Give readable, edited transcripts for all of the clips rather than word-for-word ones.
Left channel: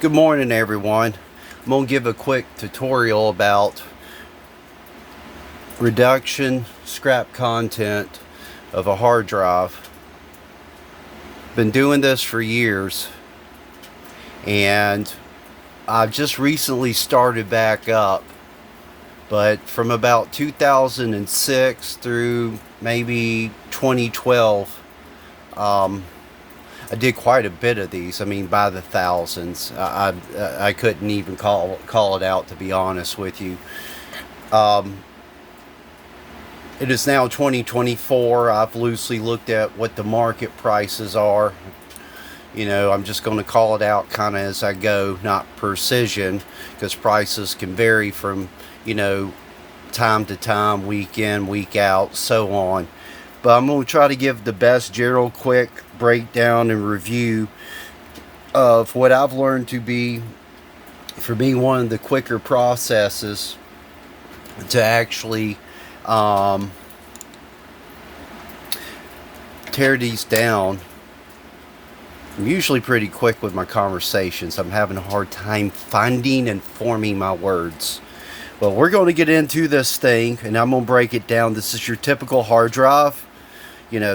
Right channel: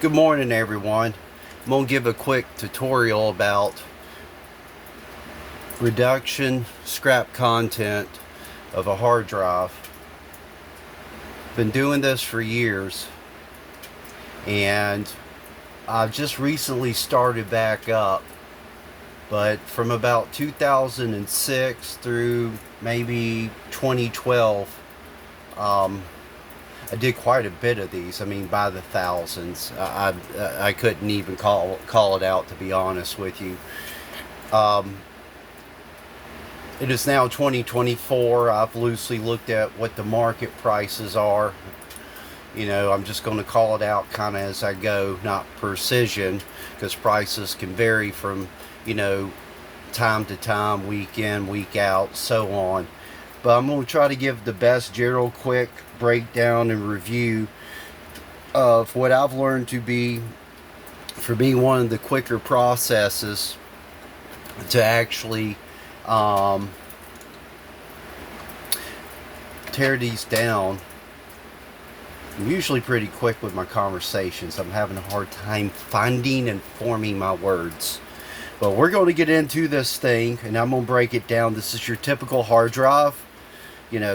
Good morning, everyone. I'm going to give a quick tutorial about reduction scrap content of a hard drive. Been doing this for years, and I've just recently started back up, but from about 2006 through maybe 2012, I did quite a bit of these. I mean, by the thousands. I couldn't even call it out, to be honest with you. It is now 2024. I've loosely looked at what the market prices are. I'm just going to call it out kind of as I go, not precision, because prices can vary from, time to time, week in, week out, so on. But I'm going to try to give the best general quick breakdown and review of what I've learned to be, for being one of the quicker processes to actually tear these down. I'm usually pretty quick with my conversations. I'm having a hard time finding and forming my words. But we're going to get into this thing, and I'm going to break it down. This is your typical hard drive.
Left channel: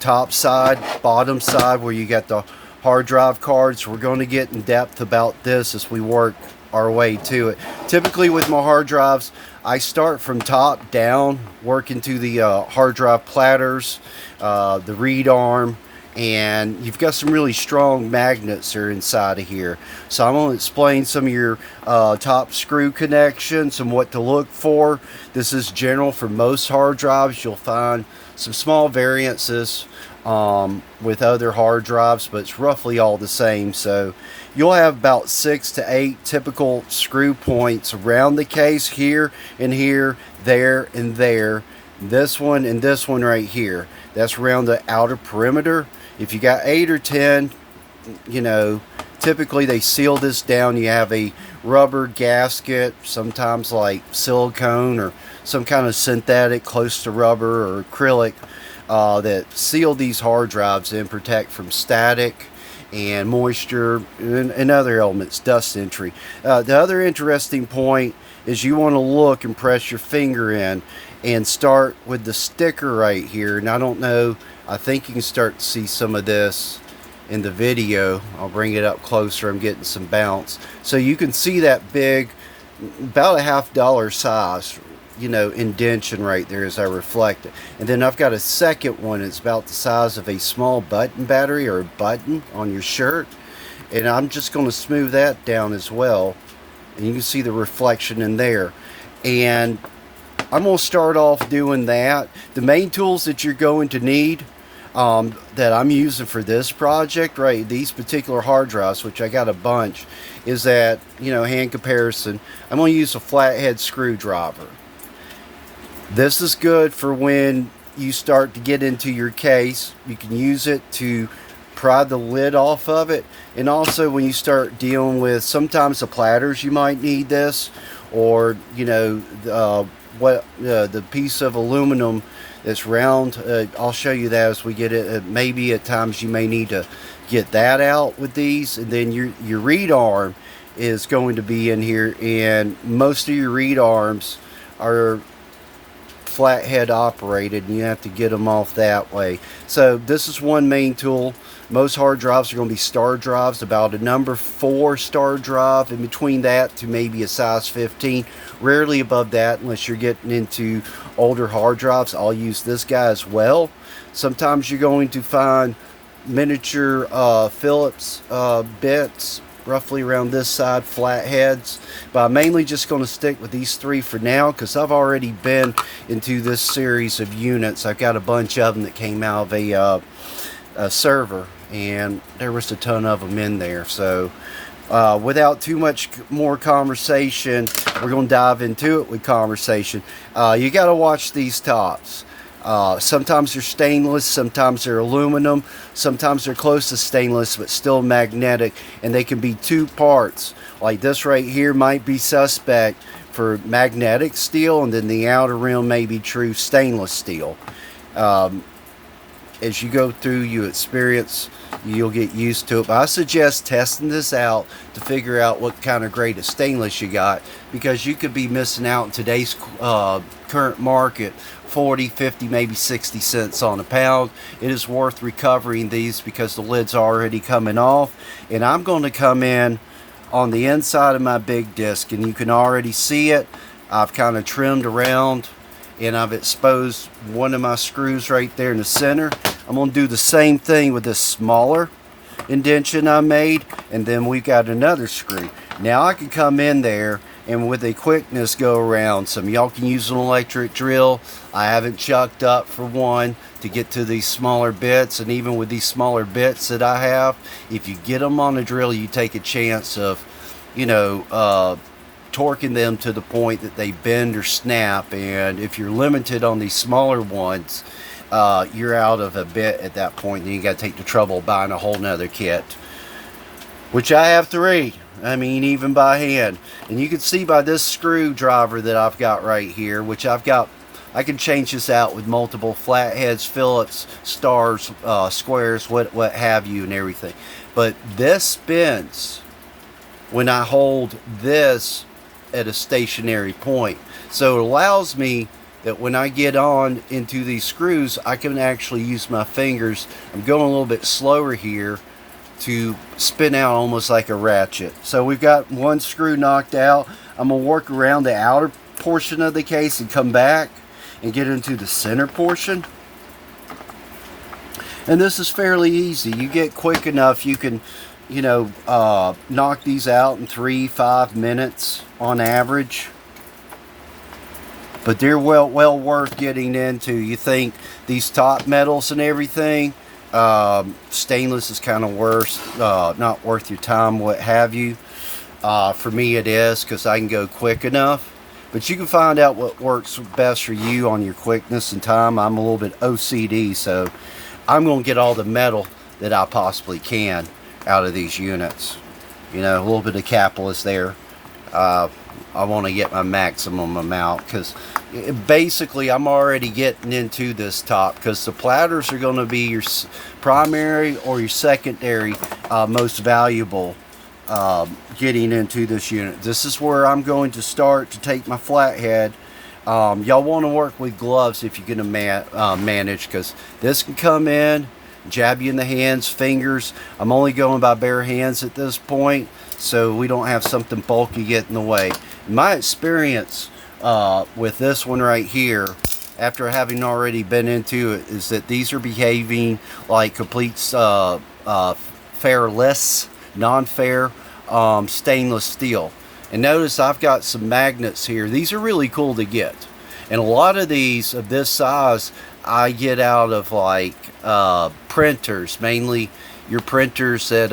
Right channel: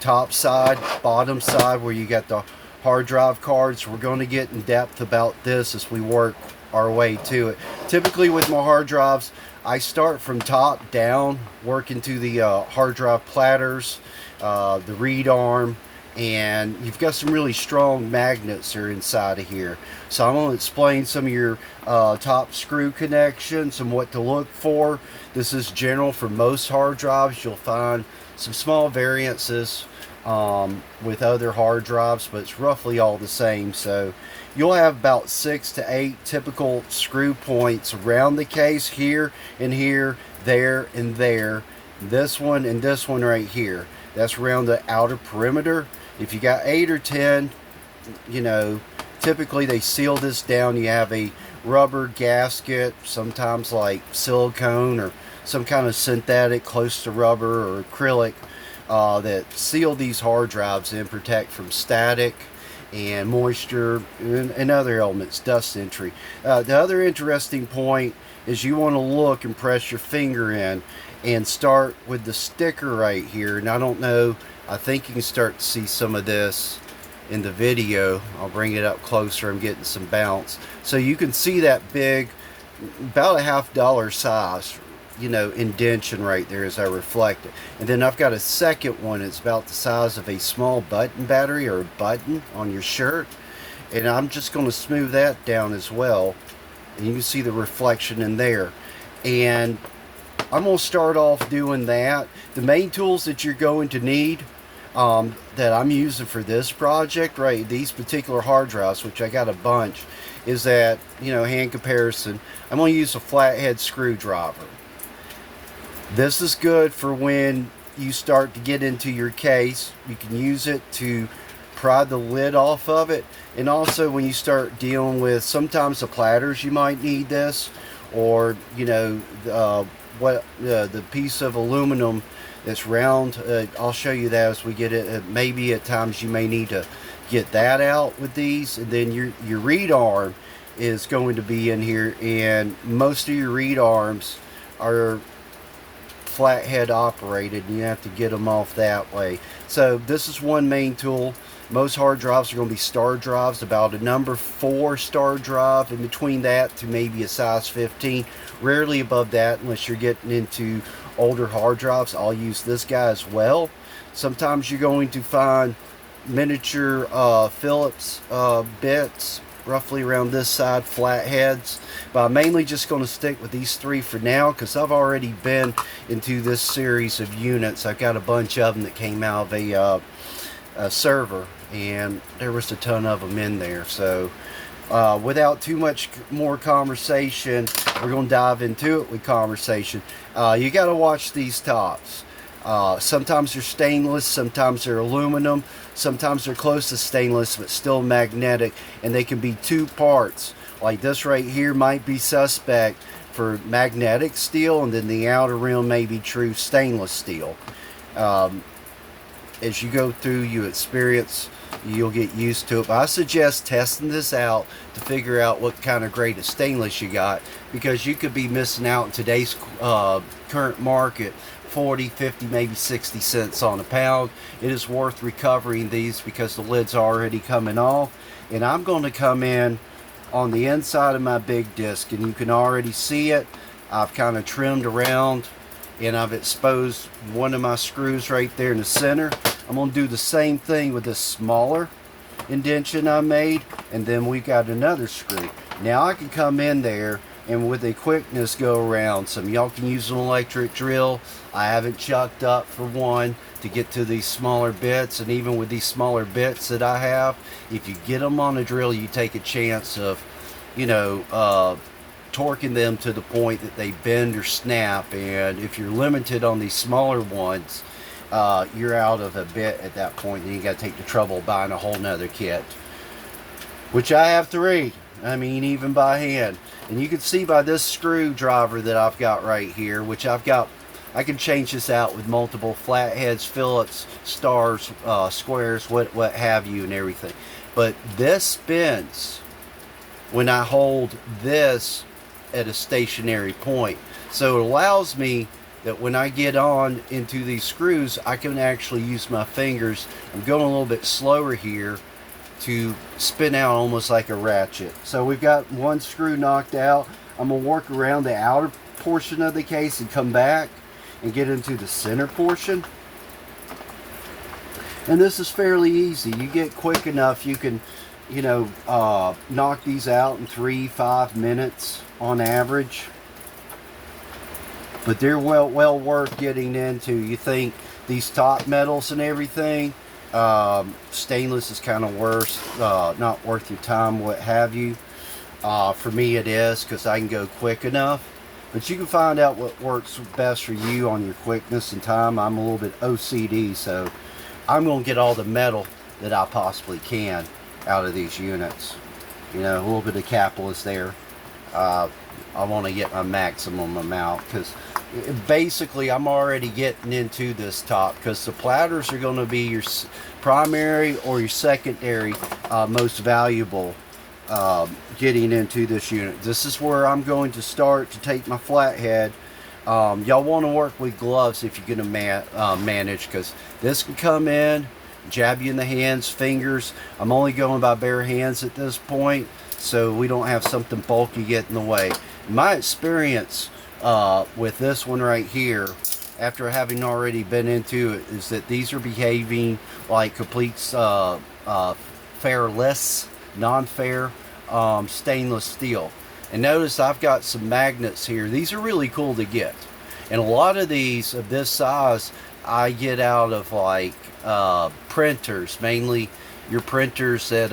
Top side, bottom side, where you got the hard drive cards. We're going to get in depth about this as we work our way to it. Typically with my hard drives, I start from top down, work into the hard drive platters, the read arm, and you've got some really strong magnets that are inside of here. So I'm going to explain some of your top screw connections and what to look for. This is general for most hard drives. You'll find some small variances with other hard drives, but it's roughly all the same. So you'll have about 6 to 8 typical screw points around the case, here and here, there and there. This one and this one right here. That's around the outer perimeter. If you got 8 or 10, typically they seal this down. You have a rubber gasket, sometimes like silicone or some kind of synthetic close to rubber or acrylic, that seal these hard drives and protect from static and moisture and other elements, dust entry. The other interesting point is you want to look and press your finger in and start with the sticker right here. And I don't know, I think you can start to see some of this in the video. I'll bring it up closer. I'm getting some bounce. So you can see that big, about a $50 size, indention right there as I reflect it. And then I've got a second one. It's about the size of a small button battery or a button on your shirt. And I'm just going to smooth that down as well. And you can see the reflection in there. And I'm going to start off doing that. The main tools that you're going to need, that I'm using for this project, right, these particular hard drives, which I got a bunch, is that, hand comparison, I'm going to use a flathead screwdriver. This is good for when you start to get into your case. You can use it to pry the lid off of it. And also when you start dealing with, sometimes the platters, you might need this, or, the piece of aluminum that's round. I'll show you that as we get it. Maybe at times you may need to get that out with these. And then your read arm is going to be in here, and most of your read arms are flathead operated, and you have to get them off that way. So this is one main tool. Most hard drives are going to be star drives, about a number 4 star drive, in between that to maybe a size 15, rarely above that unless you're getting into older hard drives. I'll use this guy as well. Sometimes you're going to find miniature Phillips bits roughly around this side, flatheads, but I'm mainly just going to stick with these 3 for now because I've already been into this series of units. I've got a bunch of them that came out of a server, and there was a ton of them in there. So without too much more conversation, we're going to dive into it with conversation. You got to watch these tops. Sometimes they're stainless, sometimes they're aluminum, sometimes they're close to stainless but still magnetic, and they can be 2 parts. Like this right here might be suspect for magnetic steel, and then the outer rim may be true stainless steel. As you go through, you experience you'll get used to it. But I suggest testing this out to figure out what kind of grade of stainless you got, because you could be missing out in today's current market 40, 50, maybe 60 cents on a pound. It is worth recovering these because the lid's already coming off. And I'm going to come in on the inside of my big disc, and you can already see it. I've kind of trimmed around, and I've exposed one of my screws right there in the center. I'm going to do the same thing with this smaller indentation I made, and then we got another screw. Now I can come in there and with a quickness go around. Some of y'all can use an electric drill. I haven't chucked up for one to get to these smaller bits, and even with these smaller bits that I have, if you get them on a drill, you take a chance of, you know, torquing them to the point that they bend or snap. And if you're limited on these smaller ones, you're out of a bit at that point, and you got to take the trouble of buying a whole nother kit, which I have 3. I mean, even by hand. And you can see by this screwdriver that I've got right here, which I've got, I can change this out with multiple flatheads, Phillips, stars, squares, what have you, and everything. But this spins when I hold this at a stationary point. So it allows me that when I get on into these screws, I can actually use my fingers. I'm going a little bit slower here to spin out almost like a ratchet. So we've got one screw knocked out. I'm going to work around the outer portion of the case and come back and get into the center portion. And this is fairly easy. You get quick enough, you can, you know, knock these out in 3-5 minutes on average. But they're well worth getting into. You think these top metals and everything, stainless is kind of worse, not worth your time, what have you. For me it is, because I can go quick enough. But you can find out what works best for you on your quickness and time. I'm a little bit OCD, so I'm going to get all the metal that I possibly can out of these units. You know, a little bit of capitalist there. I want to get my maximum amount, because basically I'm already getting into this top, because the platters are going to be your primary or your secondary most valuable getting into this unit. This is where I'm going to start to take my flathead. Y'all want to work with gloves if you're going to manage, because this can come in, jab you in the hands, fingers. I'm only going by bare hands at this point, so we don't have something bulky get in the way. My experience with this one right here, after having already been into it, is that these are behaving like complete fairless, non-fair stainless steel. And notice I've got some magnets here. These are really cool to get, and a lot of these of this size I get out of like printers, mainly your printers that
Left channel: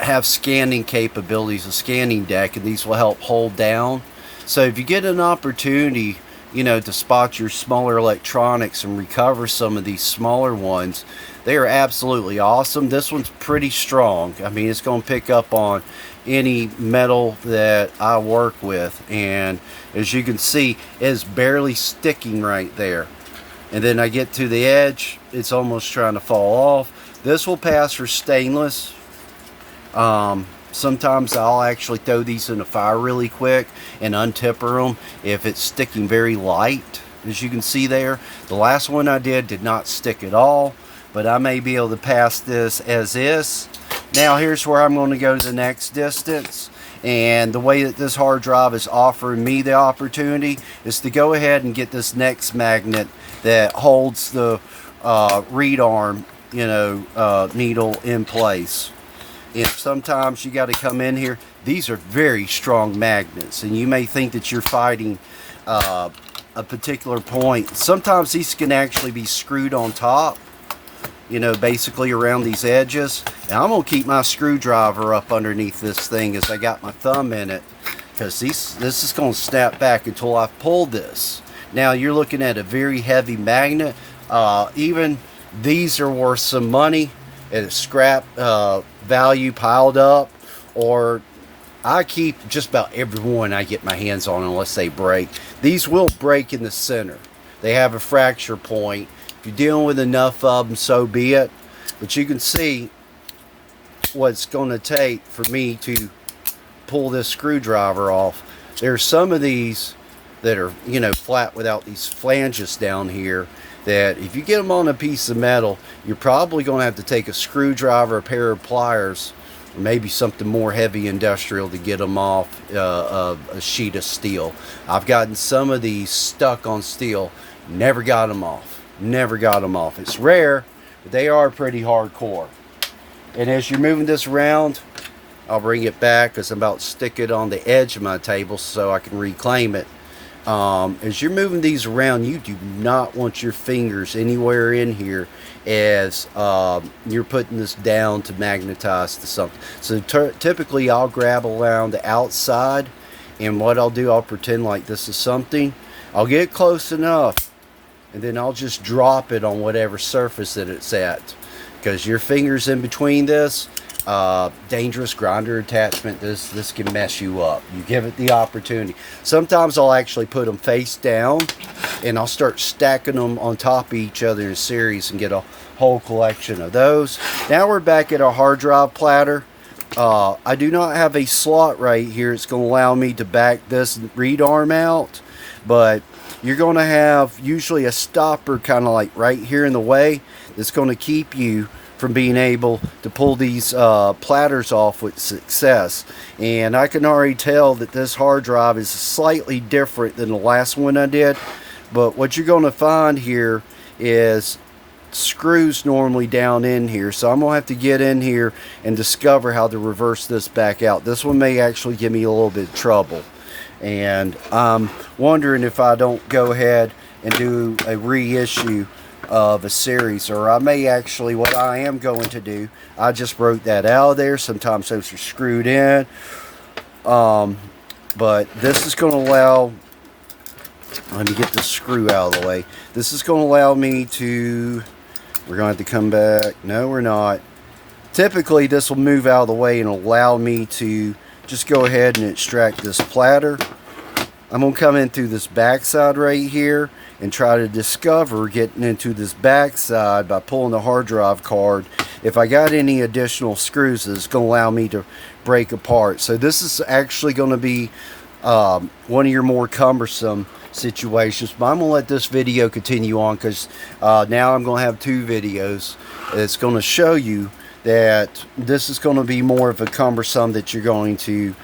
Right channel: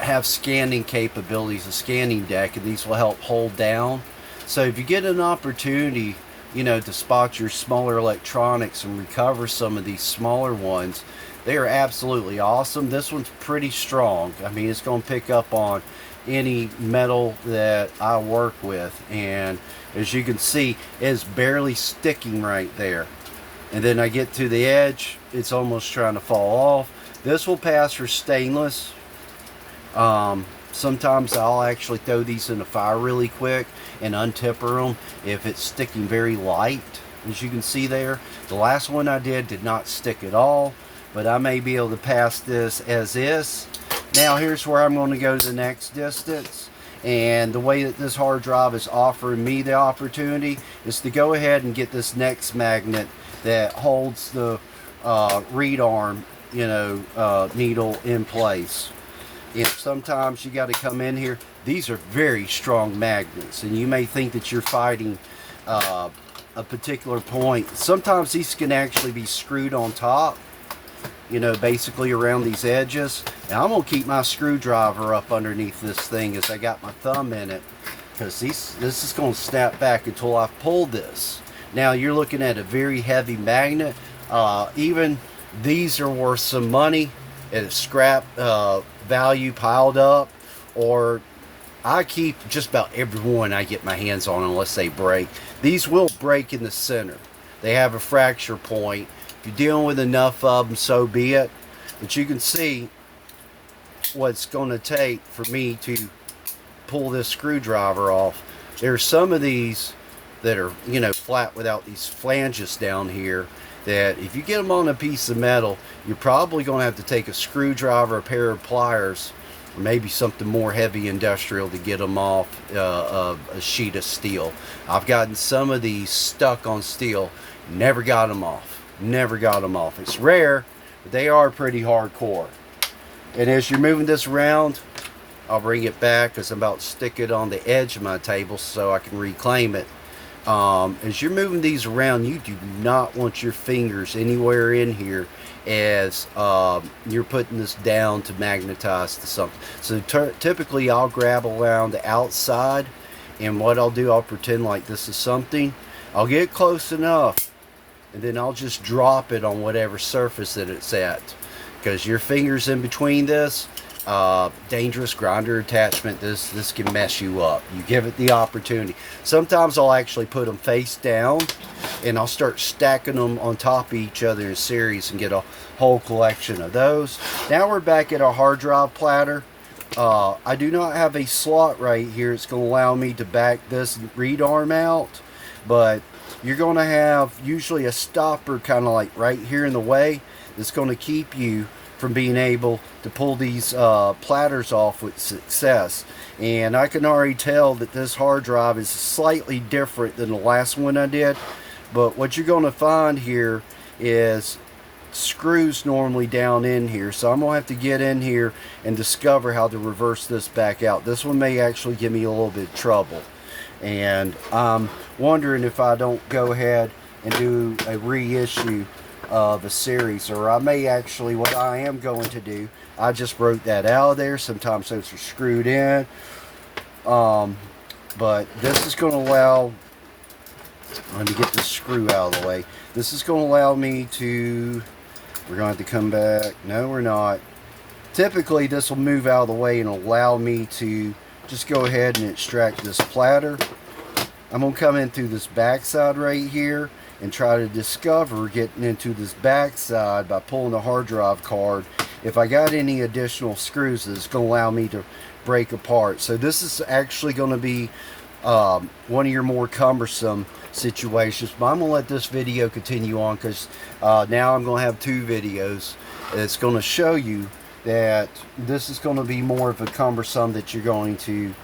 have scanning capabilities, a scanning deck, and these will help hold down. So if you get an opportunity, you know, to spot your smaller electronics and recover some of these smaller ones, they are absolutely awesome. This one's pretty strong. I mean, it's going to pick up on any metal that I work with, and as you can see, it's barely sticking right there. And then I get to the edge, it's almost trying to fall off. This will pass for stainless. Sometimes I'll actually throw these in the fire really quick and untipper them if it's sticking very light, as you can see there. The last one I did not stick at all, but I may be able to pass this as is. Now here's where I'm going to go to the next distance, and the way that this hard drive is offering me the opportunity is to go ahead and get this next magnet that holds the reed arm, you know, needle in place. And sometimes you got to come in here. These are very strong magnets, and you may think that you're fighting a particular point. Sometimes these can actually be screwed on top, you know, basically around these edges. Now I'm going to keep my screwdriver up underneath this thing as I got my thumb in it, because this is going to snap back until I've pulled this. Now you're looking at a very heavy magnet. Even these are worth some money at a scrap value piled up, or I keep just about every one I get my hands on unless they break. These will break in the center. They have a fracture point, If you're dealing with enough of them, so be it. But you can see what it's going to take for me to pull this screwdriver off. There's some of these that are, you know, flat without these flanges down here, that if you get them on a piece of metal, you're probably going to have to take a screwdriver, a pair of pliers, or maybe something more heavy industrial to get them off a sheet of steel. I've gotten some of these stuck on steel, never got them off. Never got them off. It's rare, but they are pretty hardcore. And as you're moving this around, I'll bring it back because I'm about to stick it on the edge of my table so I can reclaim it. As you're moving these around, you do not want your fingers anywhere in here as you're putting this down to magnetize to something. So typically I'll grab around the outside, and what I'll do, I'll pretend like this is something. I'll get close enough, and then I'll just drop it on whatever surface that it's at. Because your fingers in between this, dangerous grinder attachment, this can mess you up. You give it the opportunity. Sometimes I'll actually put them face down, and I'll start stacking them on top of each other in a series and get a whole collection of those. Now we're back at our hard drive platter. I do not have a slot right here. It's going to allow me to back this read arm out, but you're going to have usually a stopper kind of like right here in the way. It's going to keep you from being able to pull these platters off with success. And I can already tell that this hard drive is slightly different than the last one I did. But what you're going to find here is screws normally down in here. So I'm going to have to get in here and discover how to reverse this back out. This one may actually give me a little bit of trouble. And I'm wondering if I don't go ahead and do a reissue of a series, or I may actually, what I am going to do, I just broke that out of there. Sometimes those are screwed in, but this is going to allow, let me get this screw out of the way. This is going to allow me to, we're going to have to come back, no we're not. Typically this will move out of the way and allow me to just go ahead and extract this platter. I'm going to come in through this backside right here and try to discover getting into this backside by pulling the hard drive card. If I got any additional screws, it's going to allow me to break apart. So this is actually going to be one of your more cumbersome situations. But I'm going to let this video continue on, because now I'm going to have two videos. It's going to show you that this is going to be more of a cumbersome that you're going to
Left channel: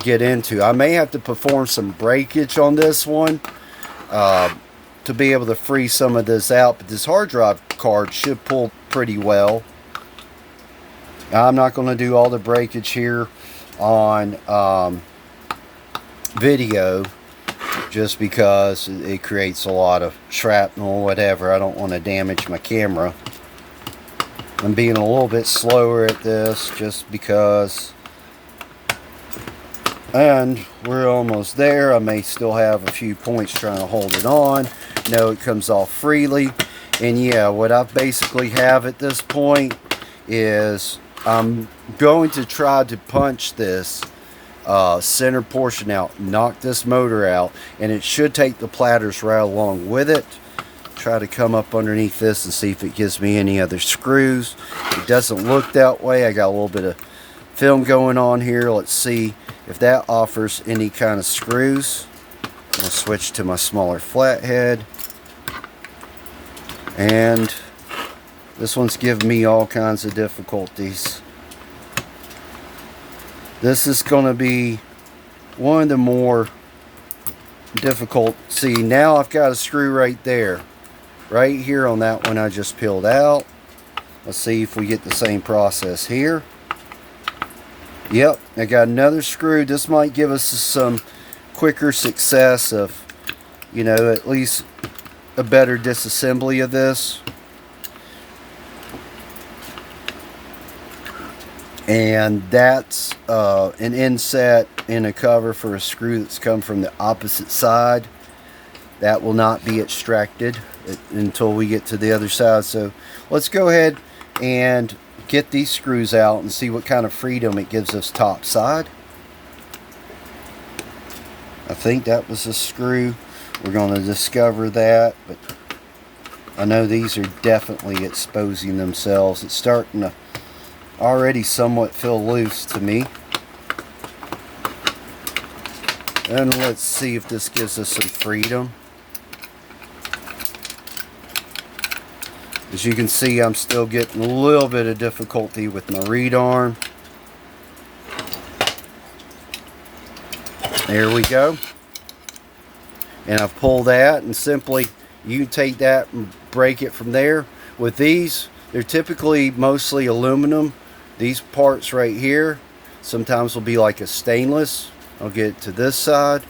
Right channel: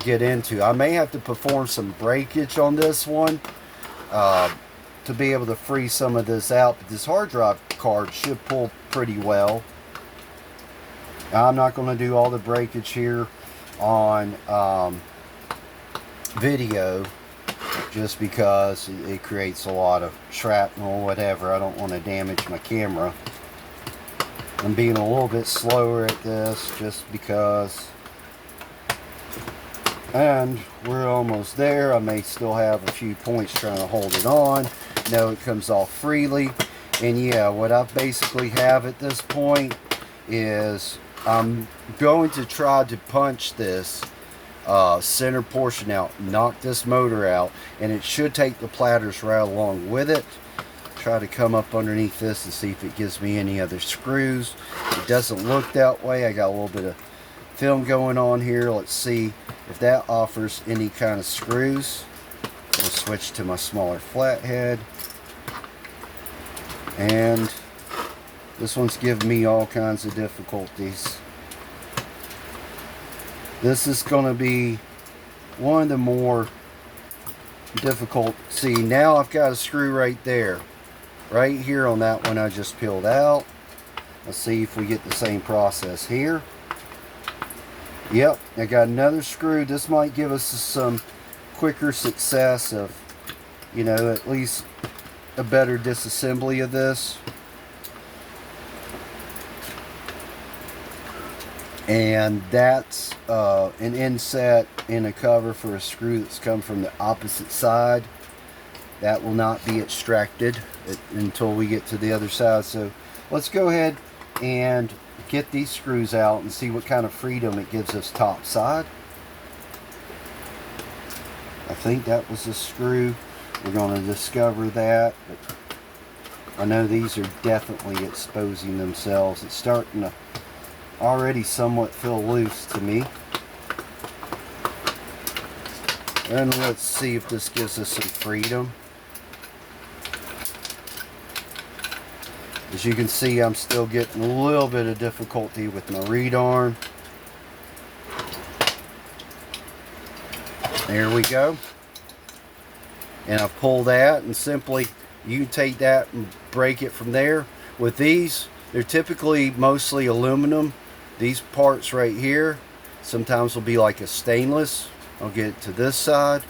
get into. I may have to perform some breakage on this one to be able to free some of this out, but this hard drive card should pull pretty well. Now, I'm not going to do all the breakage here on video, just because it creates a lot of shrapnel or whatever. I don't want to damage my camera. I'm being a little bit slower at this just because, and we're almost there. I may still have a few points trying to hold it on. No, it comes off freely. And yeah, what I basically have at this point is I'm going to try to punch this center portion out, knock this motor out, and it should take the platters right along with it. Try to come up underneath this and see if it gives me any other screws. It doesn't look that way. I got a little bit of film going on here. Let's see if that offers any kind of screws. I'm going to switch to my smaller flathead. And this one's giving me all kinds of difficulties. This is going to be one of the more difficult. See, now I've got a screw right there. Right here on that one I just peeled out. Let's see if we get the same process here. Yep, I got another screw. This might give us some quicker success of, you know, at least a better disassembly of this. And that's an inset and a cover for a screw that's come from the opposite side. That will not be extracted until we get to the other side. So let's go ahead and get these screws out and see what kind of freedom it gives us top side. I think that was a screw. We're going to discover that, but I know these are definitely exposing themselves. It's starting to already somewhat feel loose to me. And let's see if this gives us some freedom. As you can see, I'm still getting a little bit of difficulty with my reed arm. There we go. And I've pulled that, and simply you take that and break it from there. With these, they're typically mostly aluminum. These parts right here sometimes will be like a stainless. I'll get it to this side.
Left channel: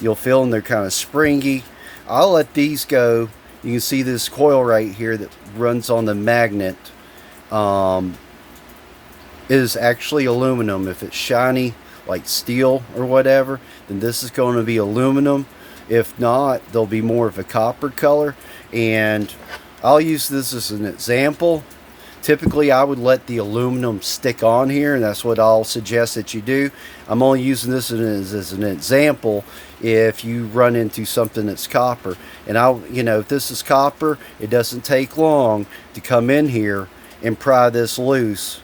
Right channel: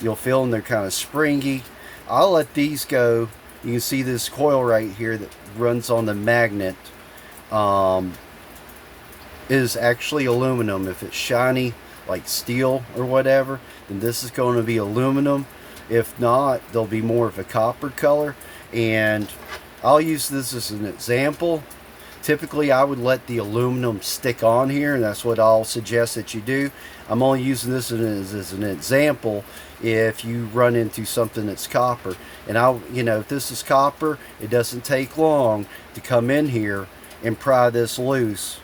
You'll feel them, they're kind of springy. I'll let these go. You can see this coil right here that runs on the magnet is actually aluminum. If it's shiny like steel or whatever, then this is going to be aluminum. If not, they'll be more of a copper color. And I'll use this as an example. Typically I would let the aluminum stick on here, and that's what I'll suggest that you do. I'm only using this as an example if you run into something that's copper. And if this is copper, it doesn't take long to come in here and pry this loose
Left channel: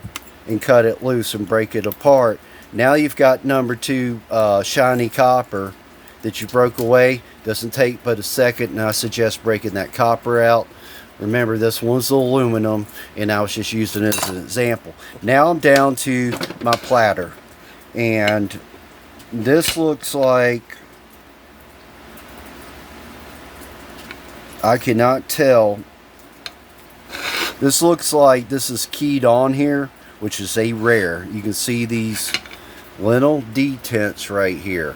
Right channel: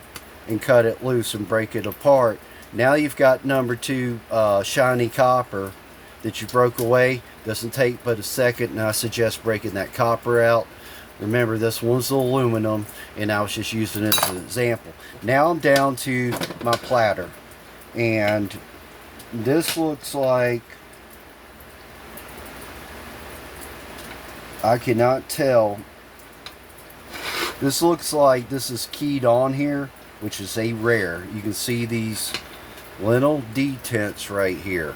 and cut it loose and break it apart. Now you've got number 2 shiny copper that you broke away. Doesn't take but a second, and I suggest breaking that copper out. Remember, this one's aluminum, and I was just using it as an example. Now I'm down to my platter, and this looks like, I cannot tell. This looks like this is keyed on here, which is a rare. You can see these little detents right here.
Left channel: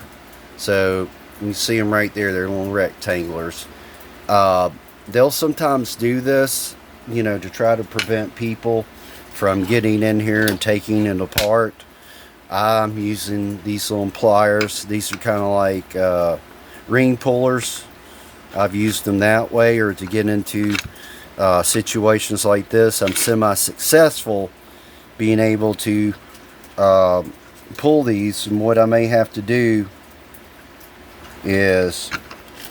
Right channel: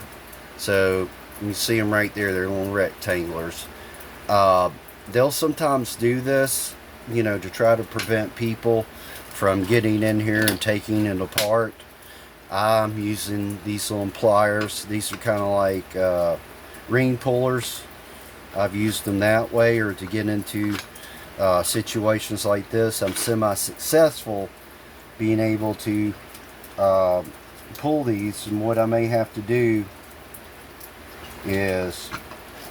So you see them right there. They're little rectangulars. They'll sometimes do this, to try to prevent people from getting in here and taking it apart. I'm using these little pliers. These are kind of like ring pullers. I've used them that way, or to get into situations like this. I'm semi-successful being able to pull these, and what I may have to do is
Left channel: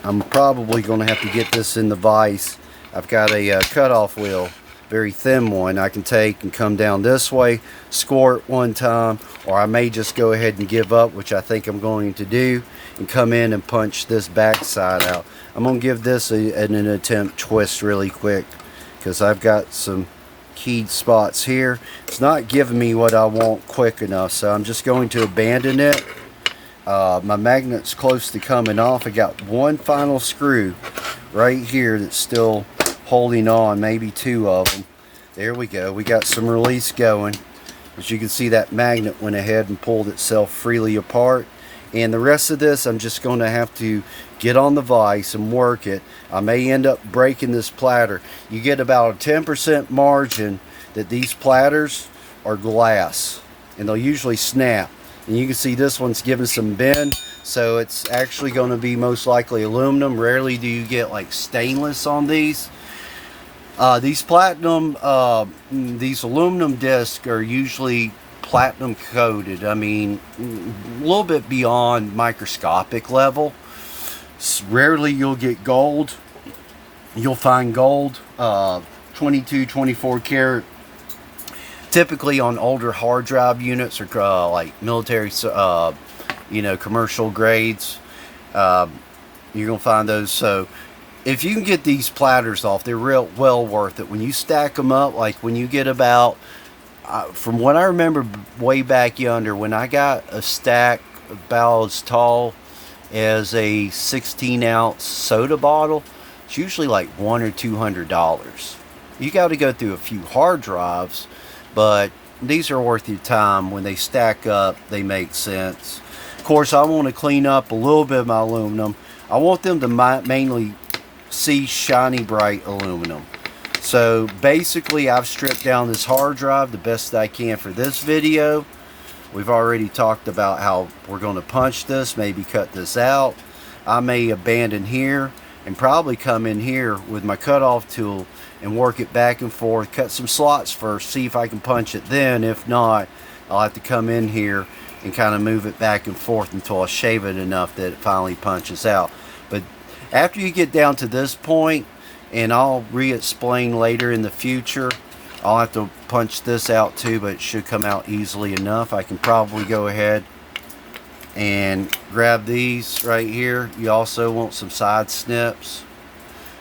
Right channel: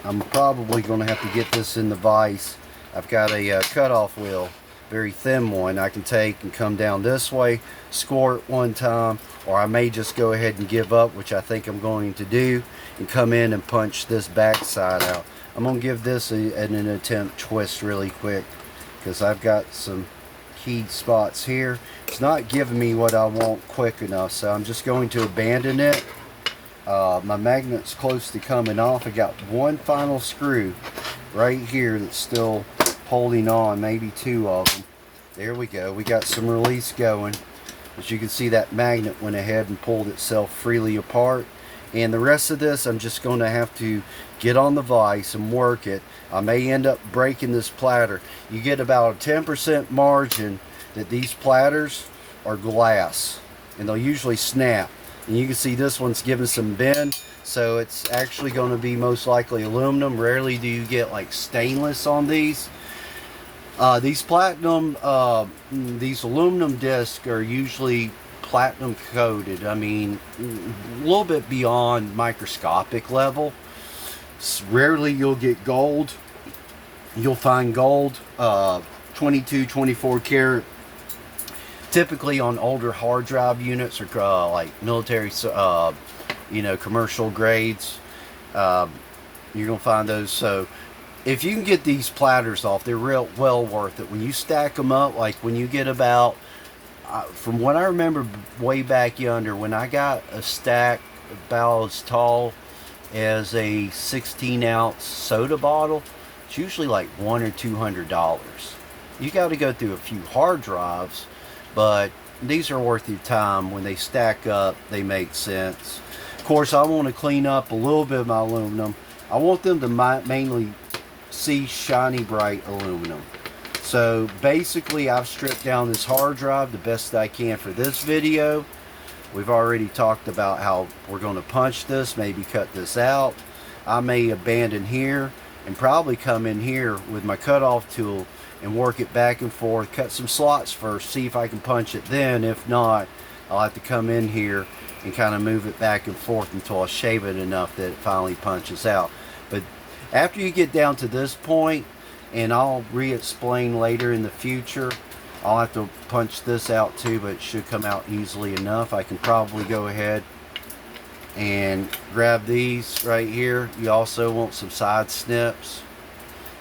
I'm probably going to have to get this in the vise. I've got a cutoff wheel, very thin one. I can take and come down this way, squirt one time, or I may just go ahead and give up, which I think I'm going to do, and come in and punch this back side out. I'm going to give this an attempt twist really quick, because I've got some keyed spots here. It's not giving me what I want quick enough, so I'm just going to abandon it. My magnet's close to coming off. I got one final screw right here that's still holding on, maybe 2 of them. There we go. We got some release going. As you can see, that magnet went ahead and pulled itself freely apart. And the rest of this, I'm just going to have to get on the vise and work it. I may end up breaking this platter. You get about a 10% margin that these platters are glass, and they'll usually snap. And you can see this one's giving some bend, so it's actually going to be most likely aluminum. Rarely do you get like stainless on these. These aluminum discs are usually platinum coated. I mean, a little bit beyond microscopic level. Rarely you'll get gold. You'll find gold, 22, 24 karat. Typically on older hard drive units, or like military, commercial grades, you're gonna find those. So if you can get these platters off, they're well worth it. When you stack them up, like when you get about, from what I remember way back yonder, when I got a stack about as tall as a 16-ounce soda bottle, it's usually like $100 or $200. You got to go through a few hard drives, but these are worth your time. When they stack up, they make sense. Of course, I want to clean up a little bit of my aluminum. I want them to mainly see shiny bright aluminum. So basically, I've stripped down this hard drive the best I can for this video. We've already talked about how we're going to punch this, maybe cut this out. I may abandon here and probably come in here with my cutoff tool and work it back and forth, cut some slots first, see if I can punch it then. If not, I'll have to come in here and kind of move it back and forth until I shave it enough that it finally punches out. But after you get down to this point, and I'll re-explain later in the future. I'll have to punch this out too, but it should come out easily enough. I can probably go ahead and grab these right here. You also want some side snips.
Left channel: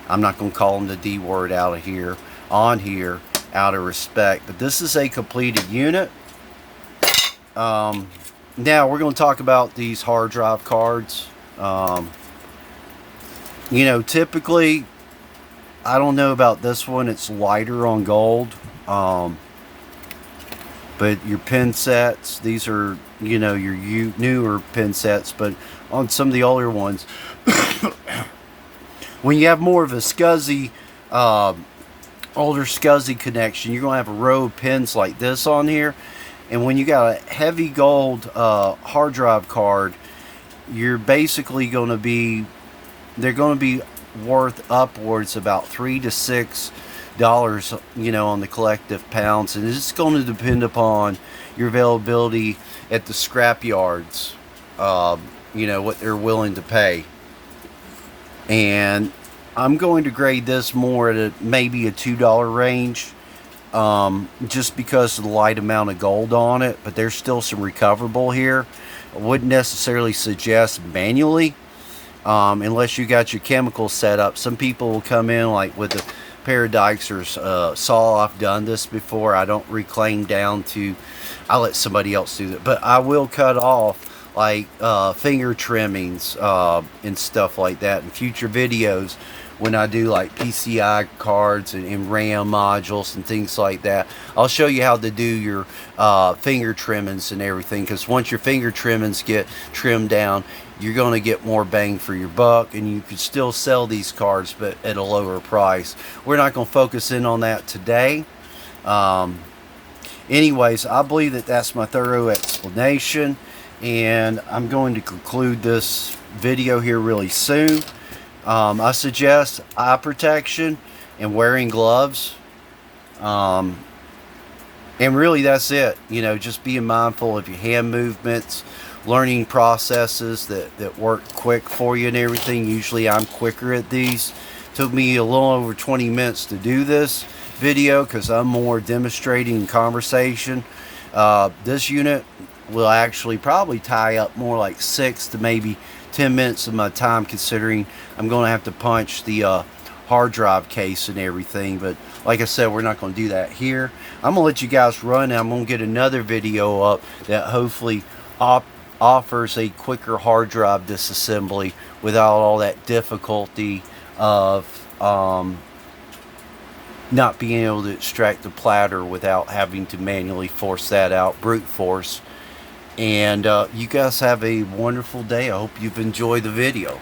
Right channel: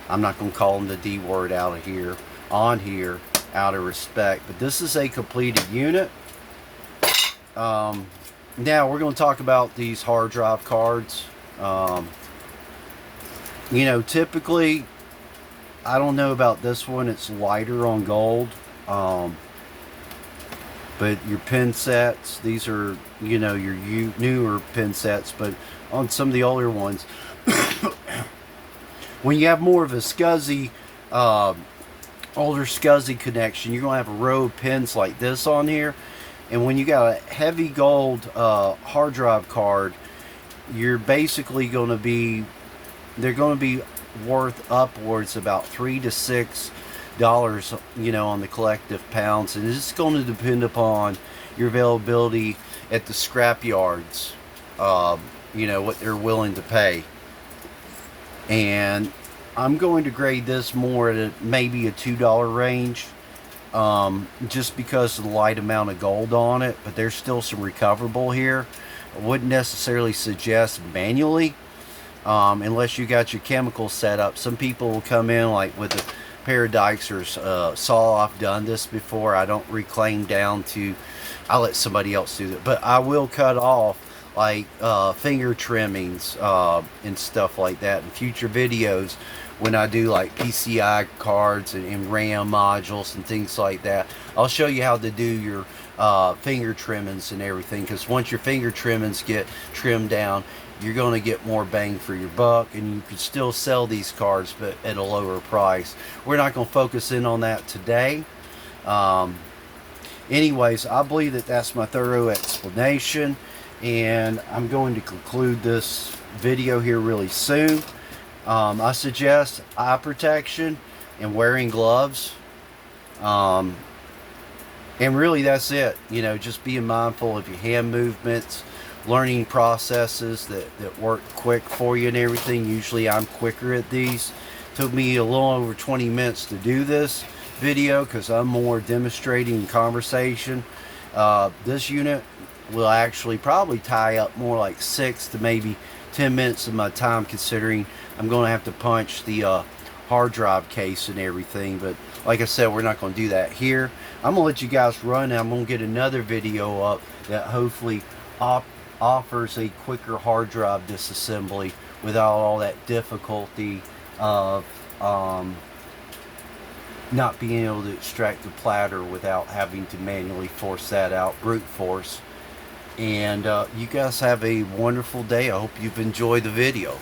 I'm not going to call them the D word out of here, on here, out of respect. But this is a completed unit. Now we're going to talk about these hard drive cards. You know, typically, I don't know about this one. It's lighter on gold. But your pin sets, these are, you know, your newer pin sets. But on some of the older ones, when you have more of a SCSI, older SCSI connection, you're going to have a row of pins like this on here. And when you got a heavy gold hard drive card, you're basically going to be, they're going to be worth upwards about $3 to $6, you know, on the collective pounds. And it's going to depend upon your availability at the scrap yards, you know, what they're willing to pay. And I'm going to grade this more at maybe a $2 range, just because of the light amount of gold on it. But there's still some recoverable here. I wouldn't necessarily suggest manually, unless you got your chemicals set up. Some people will come in like with a pair of dikes or saw off. Done this before. I don't reclaim down to, I'll let somebody else do that, but I will cut off like finger trimmings and stuff like that in future videos when I do like PCI cards and RAM modules and things like that. I'll show you how to do your finger trimmings and everything, because once your finger trimmings get trimmed down, you're going to get more bang for your buck, and you can still sell these cards but at a lower price. We're not going to focus in on that today. Anyways, I believe that that's my thorough explanation, and I'm going to conclude this video here really soon. I suggest eye protection and wearing gloves, and really that's it. You know, just being mindful of your hand movements, learning processes that work quick for you and everything. Usually I'm quicker at these. Took me a little over 20 minutes to do this video because I'm more demonstrating and conversation. This unit will actually probably tie up more like 6 to maybe 10 minutes of my time, considering I'm going to have to punch the hard drive case and everything. But like I said, we're not going to do that here. I'm going to let you guys run, and I'm going to get another video up that hopefully offers a quicker hard drive disassembly without all that difficulty of not being able to extract the platter without having to manually force that out, brute force. And you guys have a wonderful day. I hope you've enjoyed the video.